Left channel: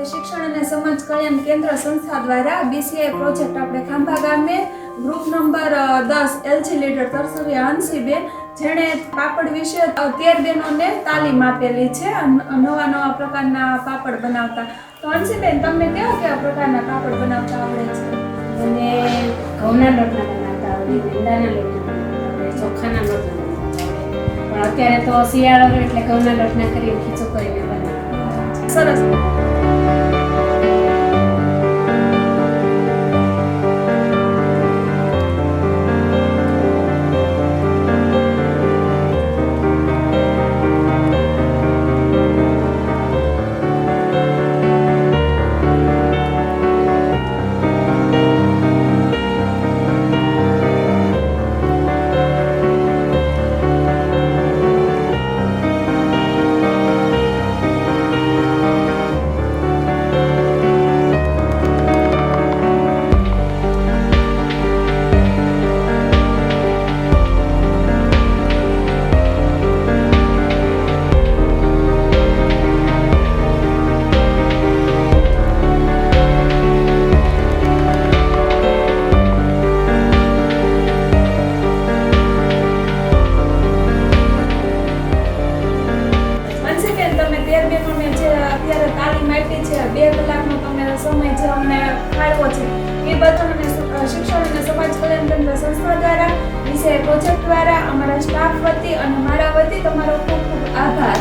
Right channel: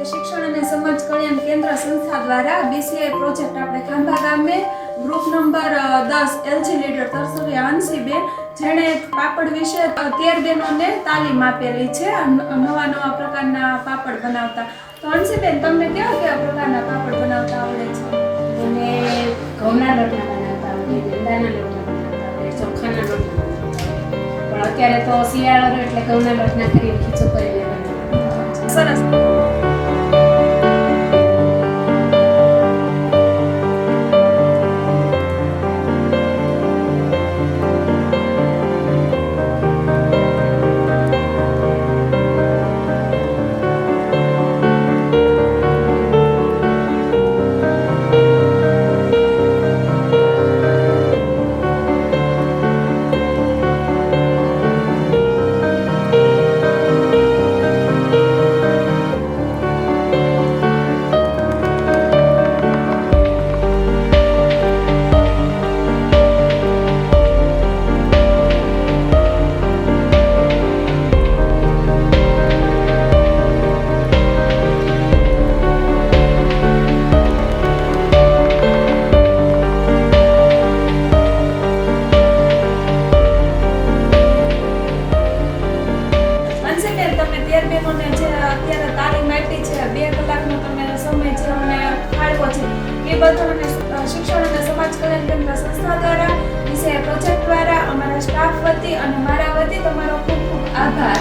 આપણે શિક્ષણ અને સમાજ કલ્યાણ કેન્દ્ર સંસ્થા દ્વારા BCI પ્રોજેક્ટ આપણે ખાંભા ગામે ગ્રુપ નંબર 10 LG લીડર તરસુરી હંસીબેન જેણે પાપડ વિશે 13 બહેનોને તાલીમ આપેલી છે નવા પ્રકારના પાપડ બનાવતા. તો હંસીબેન, તમને કેવા પ્રકારના પાપડ બનાવતા આવડે છે? મને ઘઉંના લોટના બનાવતા આવડે, મેંદાના લોટના બનાવતા આવડે, ચોખાના લોટના બનાવતા આવડે. પણ અત્યારે તો શિયાળો એટલે ઘઉંના લોટના કરીને ખીચું કરીને બનાવે. સરસ. તમે 13 બહેનોને જે અત્યારે તાલીમ આપી છે, 2 કલાકનો તમે સમય જે અમને ફાળવો છે, એ બધાને શિક્ષણ અને સમાજ કલ્યાણ કેન્દ્ર સંસ્થા દ્વારા, BCI પ્રોજેક્ટ દ્વારા, અમારા સ્ટાફ વતી અને મારા વતી તમારો ખૂબ ખૂબ આભાર.